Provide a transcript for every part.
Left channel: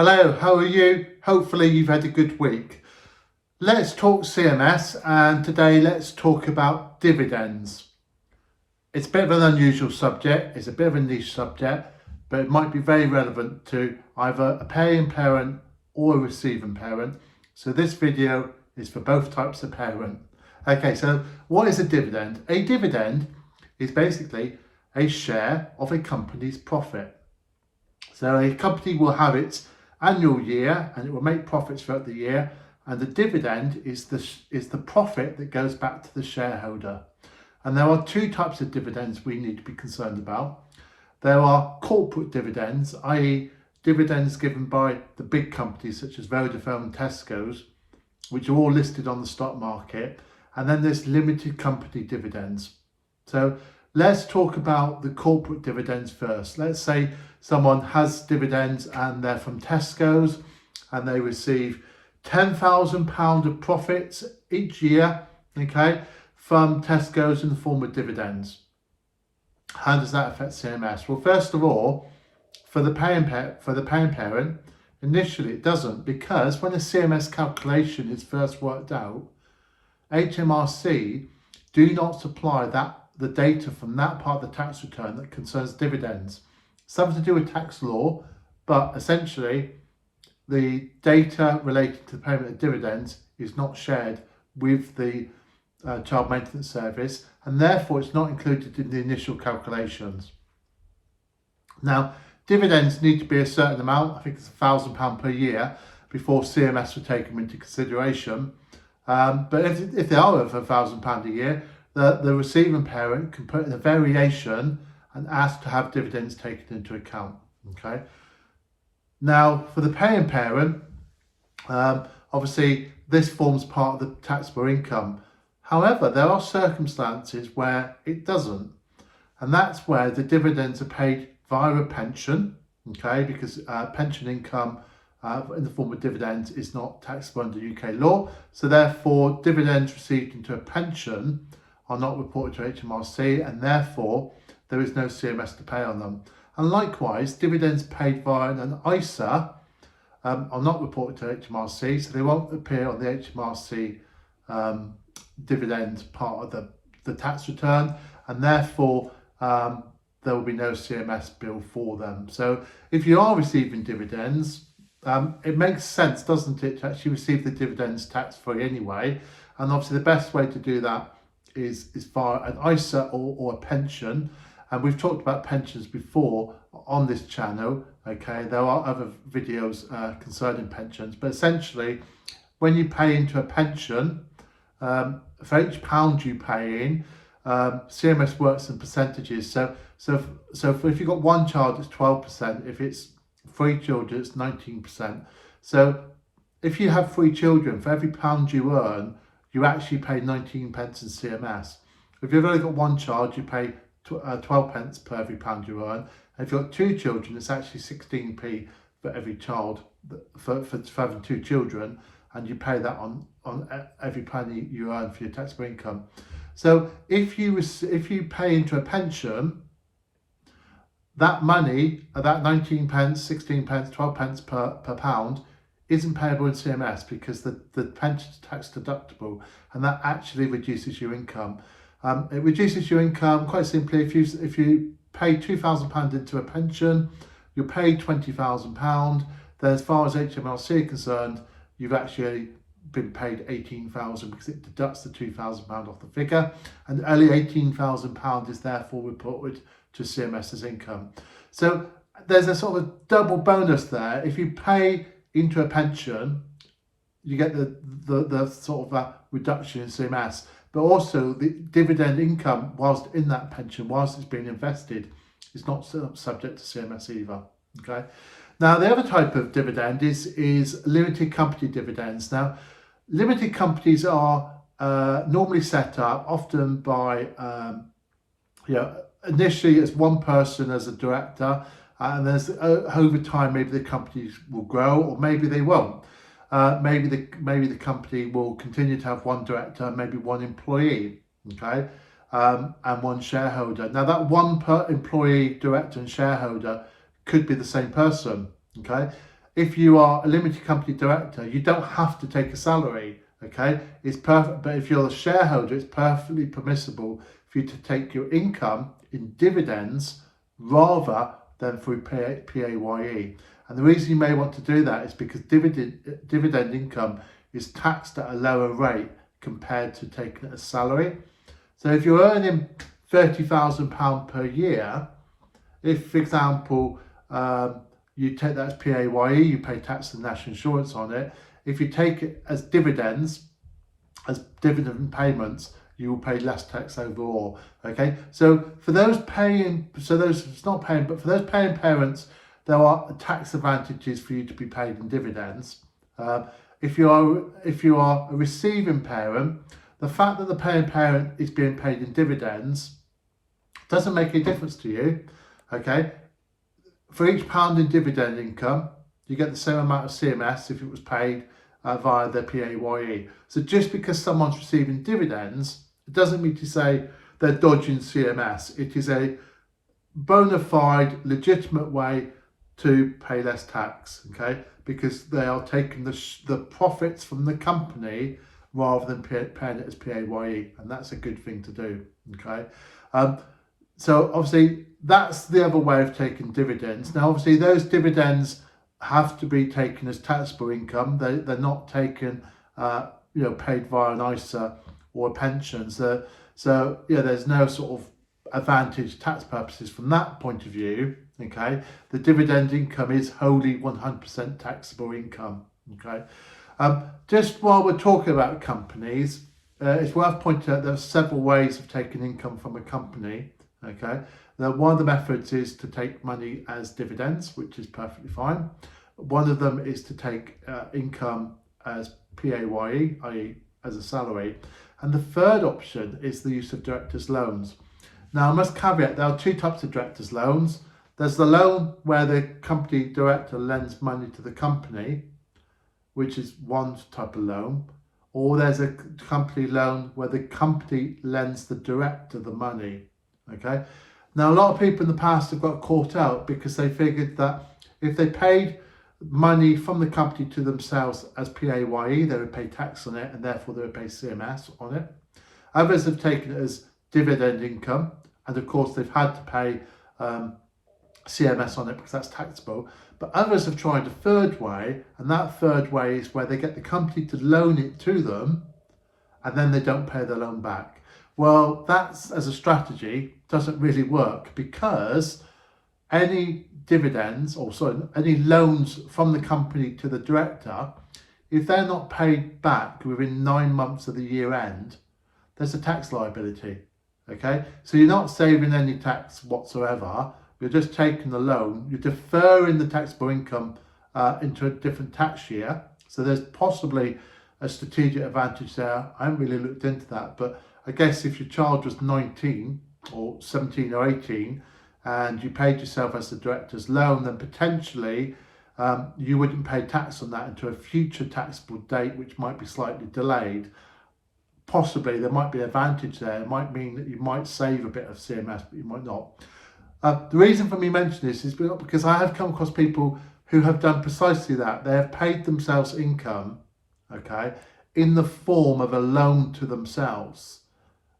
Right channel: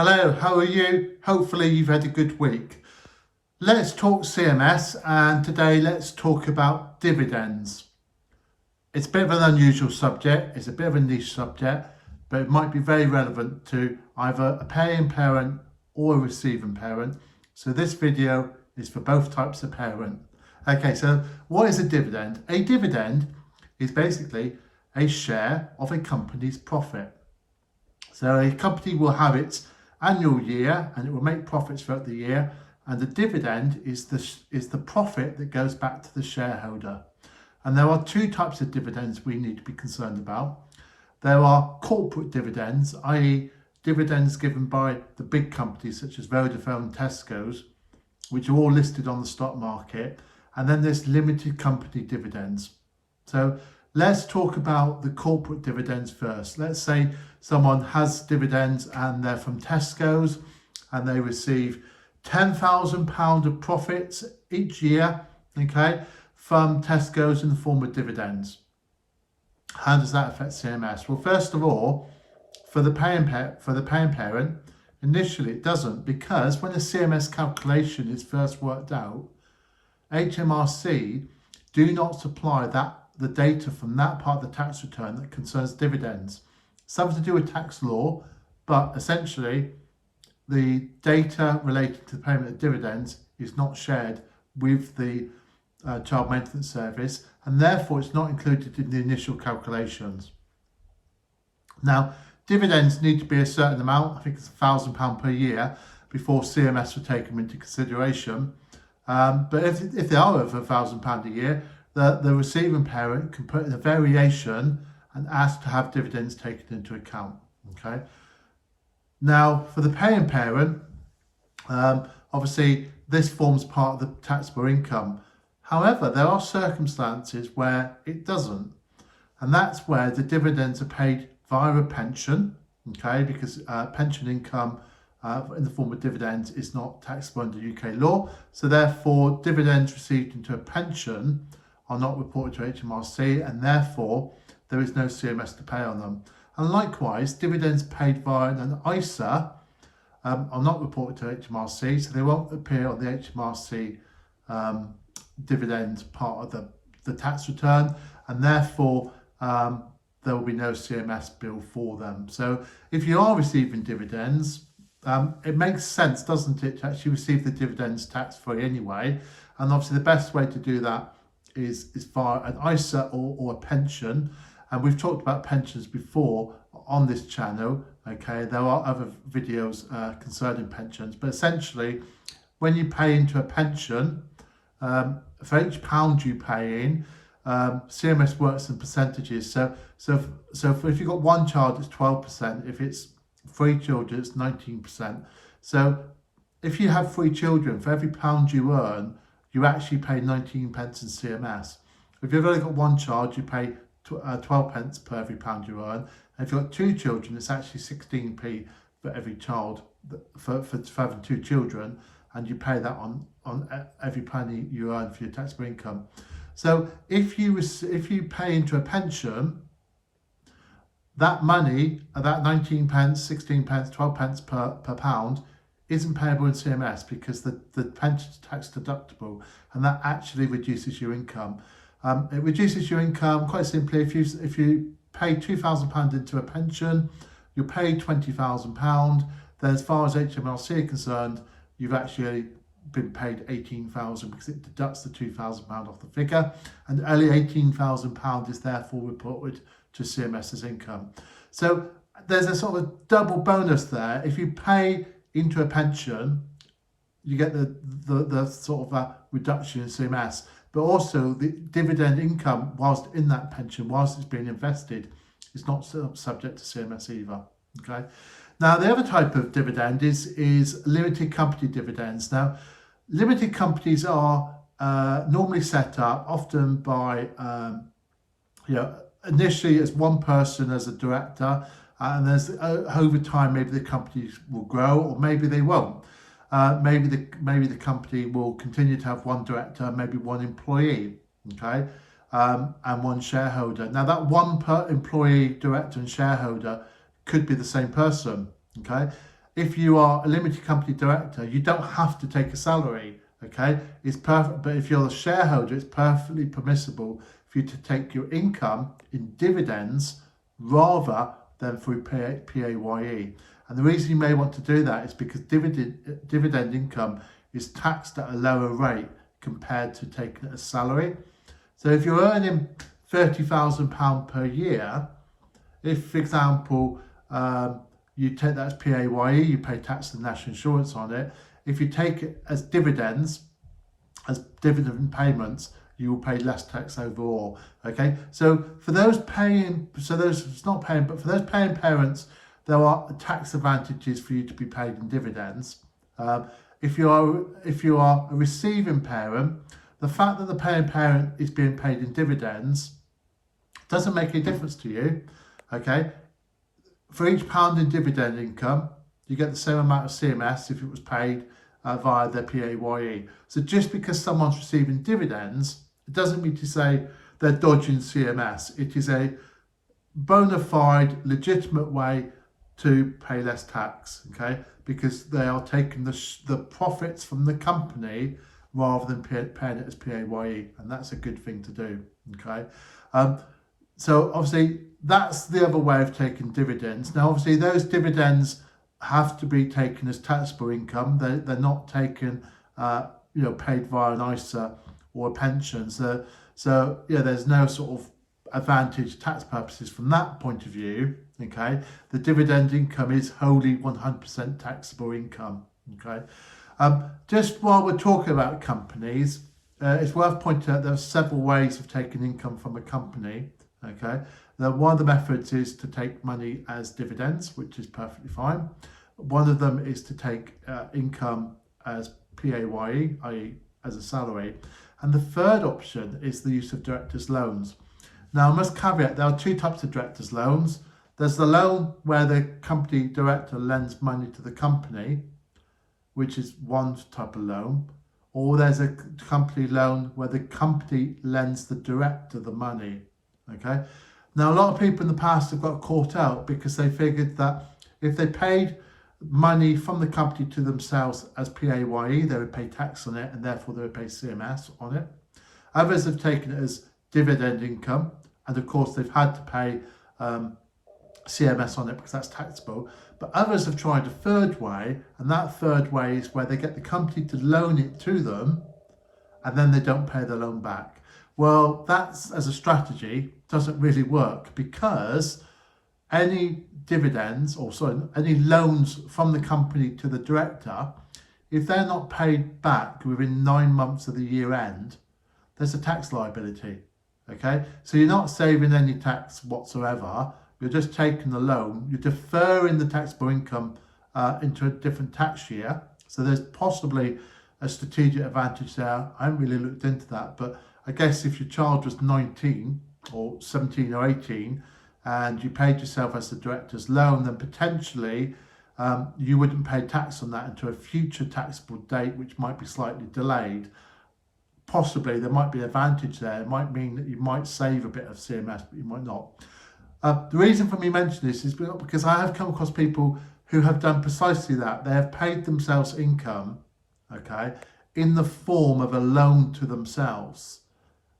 Hello, how are you? Hopefully you've had a good week. Let's talk CMS, and today let's talk about dividends. It's a bit of an unusual subject, it's a bit of a niche subject, but it might be very relevant to either a paying parent or a receiving parent. So this video is for both types of parent. Okay, so what is a dividend? A dividend is basically a share of a company's profit. So a company will have its annual year and it will make profits throughout the year, and the dividend is the profit that goes back to the shareholder. And there are two types of dividends we need to be concerned about. There are corporate dividends, i.e. dividends given by the big companies such as Vodafone and Tesco's, which are all listed on the stock market. And then there's limited company dividends. So let's talk about the corporate dividends first. Let's say someone has dividends and they're from Tesco's and they receive £10,000 of profits each year, okay, from Tesco's in the form of dividends. How does that affect CMS? Well, first of all, for the paying parent, initially it doesn't, because when a CMS calculation is first worked out, HMRC do not supply the data from that part of the tax return that concerns dividends. Something to do with tax law, but essentially the data related to the payment of dividends is not shared with the child maintenance service, and therefore it's not included in the initial calculations. Now, dividends need to be a certain amount, I think it's £1,000 per year, before CMS will take them into consideration. But if they are over £1,000 a year, the receiving parent can put in a variation and ask to have dividends taken into account. Okay. Now, for the paying parent, obviously this forms part of the taxable income. However, there are circumstances where it doesn't, and that's where the dividends are paid via a pension. Okay, because pension income in the form of dividends is not taxable under UK law, so therefore dividends received into a pension are not reported to HMRC, and therefore there is no CMS to pay on them. And likewise, dividends paid via an ISA are not reported to HMRC, so they won't appear on the HMRC dividend part of the tax return, and therefore there will be no CMS bill for them. So if you are receiving dividends, it makes sense, doesn't it, to actually receive the dividends tax-free anyway. And obviously the best way to do that is via an ISA or a pension. And we've talked about pensions before on this channel. Okay, there are other videos concerning pensions, but essentially when you pay into a pension, for each pound you pay in, CMS works in percentages. So if you've got one child, it's 12%. If it's 3 children, it's 19%. So if you have 3 children, for every pound you earn, you actually pay 19 pence in CMS. If you've only got one child, you pay 12 pence per every pound you earn. And if you've got 2 children, it's actually 16p for every child for having 2 children, and you pay that on every penny you earn for your taxable income. So if you pay into a pension, that money, that 19 pence, 16 pence, 12 pence per pound isn't payable in CMS because the pension is tax deductible, and that actually reduces your income. It reduces your income quite simply. If you pay £2,000 into a pension, you're paid £20,000. Then as far as HMRC are concerned, you've actually been paid £18,000 because it deducts the £2,000 off the figure, and only £18,000 is therefore reported to CMS as income. So there's a sort of double bonus there. If you pay into a pension, you get the sort of reduction in CMS, but also the dividend income whilst in that pension, whilst it's being invested, is not subject to CMS either. Okay. Now the other type of dividend is limited company dividends. Now limited companies are normally set up often by initially as one person as a director, and there's over time maybe the companies will grow or maybe they won't. Maybe the company will continue to have one director, maybe one employee, okay, and one shareholder. Now that one per employee, director and shareholder could be the same person, okay. if you are a limited company director, you don't have to take a salary. Okay, it's perfect. But if you're a shareholder, it's perfectly permissible for you to take your income in dividends rather than through PAYE. And the reason you may want to do that is because dividend income is taxed at a lower rate compared to taking it as salary. So if you're earning £30,000 per year, if, for example, you take that as PAYE, you pay tax and national insurance on it. If you take it as dividends, as dividend payments, you will pay less tax overall. Okay, so for those paying, so those it's not paying, but for those paying parents, there are tax advantages for you to be paid in dividends. If you are a receiving parent, the fact that the paying parent is being paid in dividends doesn't make a difference to you. Okay, for each pound in dividend income, you get the same amount of CMS if it was paid via the PAYE. So just because someone's receiving dividends, it doesn't mean to say they're dodging CMS. It is a bona fide, legitimate way to pay less tax, okay? Because they are taking the profits from the company rather than paying it as PAYE, and that's a good thing to do, okay? So obviously that's the other way of taking dividends. Now obviously those dividends have to be taken as taxable income. They're not taken, paid via an ISA or a pension. So yeah, there's no sort of advantage tax purposes from that point of view. Okay, the dividend income is wholly 100% taxable income. Okay, just while we're talking about companies, it's worth pointing out there are several ways of taking income from a company. Okay, now one of the methods is to take money as dividends, which is perfectly fine. One of them is to take income as PAYE, i.e. as a salary. And the third option is the use of directors' loans. Now I must caveat, there are two types of directors' loans. There's the loan where the company director lends money to the company, which is one type of loan. Or there's a company loan where the company lends the director the money. Okay. Now a lot of people in the past have got caught out because they figured that if they paid money from the company to themselves as PAYE, they would pay tax on it and therefore they would pay CMS on it. Others have taken it as dividend income, and of course they've had to pay CMS on it because that's taxable. But others have tried a third way, and that third way is where they get the company to loan it to them and then they don't pay the loan back. Well, that's, as a strategy, doesn't really work because any any loans from the company to the director, if they're not paid back within 9 months of the year end, there's a tax liability. Okay, so you're not saving any tax whatsoever. You're just taking the loan. You're deferring the taxable income into a different tax year. So there's possibly a strategic advantage there. I haven't really looked into that, but I guess if your child was 19 or 17 or 18 and you paid yourself as the director's loan, then potentially you wouldn't pay tax on that until a future taxable date, which might be slightly delayed. Possibly there might be an advantage there. It might mean that you might save a bit of CMS, but you might not. The reason for me mentioning this is because I have come across people who have done precisely that. They have paid themselves income, okay, in the form of a loan to themselves.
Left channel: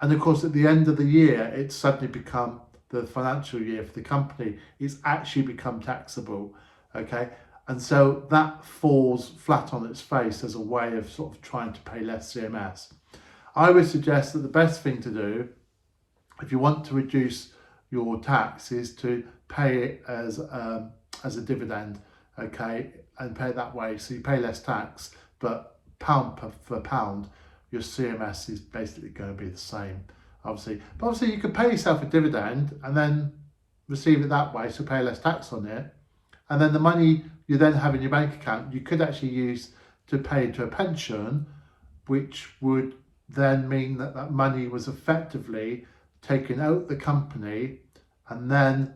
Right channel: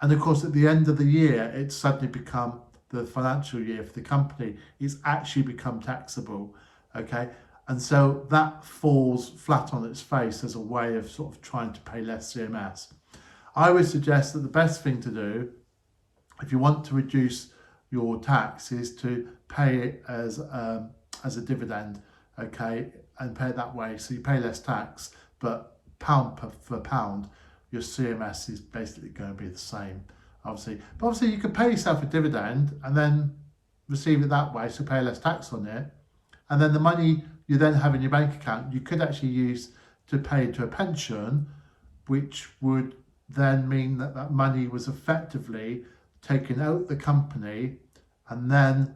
And of course, at the end of the year, it's suddenly become the financial year for the company. It's actually become taxable, okay? And so that falls flat on its face as a way of sort of trying to pay less CMS. I would suggest that the best thing to do, if you want to reduce your tax, is to pay it as a dividend, okay, and pay it that way. So you pay less tax, but pound per pound, your CMS is basically going to be the same, obviously. But obviously you could pay yourself a dividend and then receive it that way, so pay less tax on it. And then the money you then have in your bank account, you could actually use to pay into a pension, which would then mean that that money was effectively taken out the company and then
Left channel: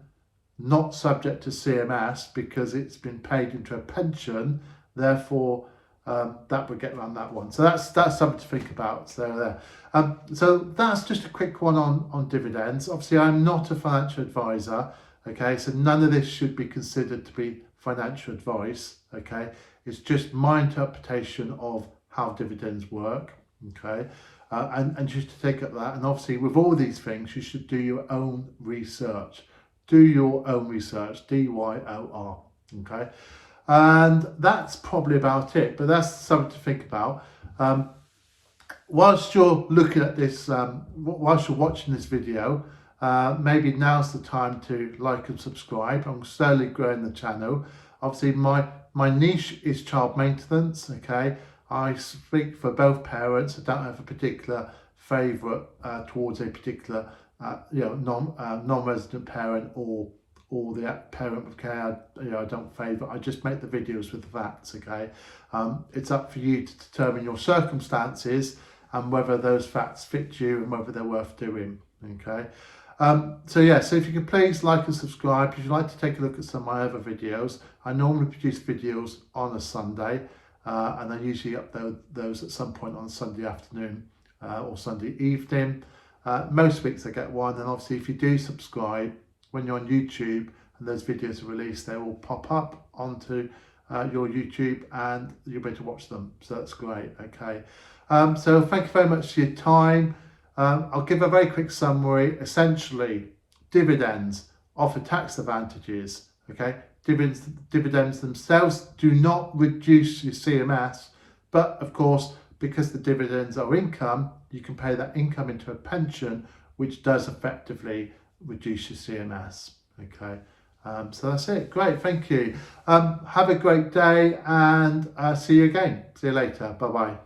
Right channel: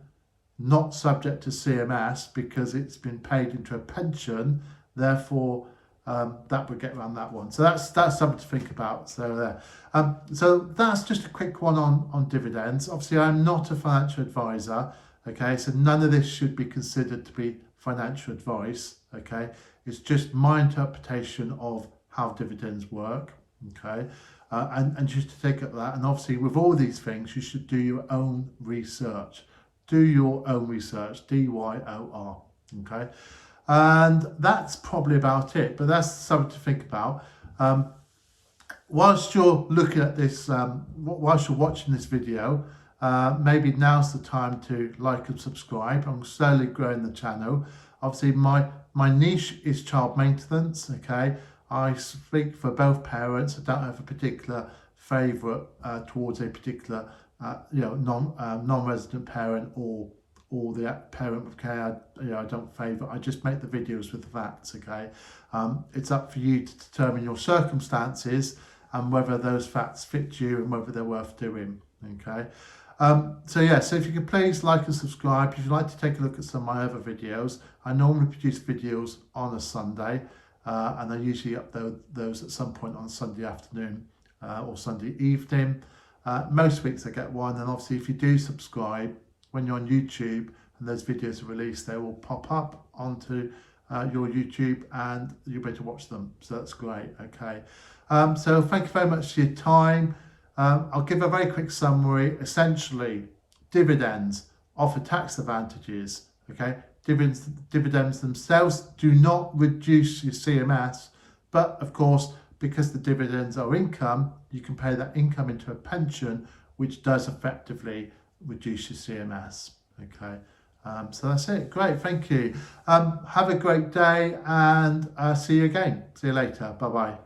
not subject to CMS because it's been paid into a pension. Therefore, that would get around that one. So that's something to think about. So so that's just a quick one on dividends. Obviously, I'm not a financial advisor. Okay, so none of this should be considered to be financial advice, okay? It's just my interpretation of how dividends work, okay? And just to take up that, and obviously with all these things, you should do your own research. Do your own research, DYOR, okay? And that's probably about it, but that's something to think about. Whilst you're looking at this, whilst you're watching this video, maybe now's the time to like and subscribe. I'm slowly growing the channel. Obviously, my niche is child maintenance, okay? I speak for both parents. I don't have a particular favourite towards a particular non-resident parent or the parent with care. I don't favour. I just make the videos with the facts, okay? It's up for you to determine your circumstances and whether those facts fit you and whether they're worth doing, okay? So if you could please like and subscribe. If you'd like to take a look at some of my other videos, I normally produce videos on a Sunday, and I usually upload those at some point on Sunday afternoon or Sunday evening. Most weeks I get one, and obviously if you do subscribe, when you're on YouTube and those videos are released, they will pop up onto your YouTube and you'll be able to watch them. So that's great, okay? So thank you very much for your time. I'll give a very quick summary. Essentially, dividends offer tax advantages, okay? Dividends themselves do not reduce your CMS, but of course, because the dividends are income, you can pay that income into a pension, which does effectively reduce your CMS, okay? So that's it. Great, thank you. Have a great day, and see you again. See you later. Bye-bye.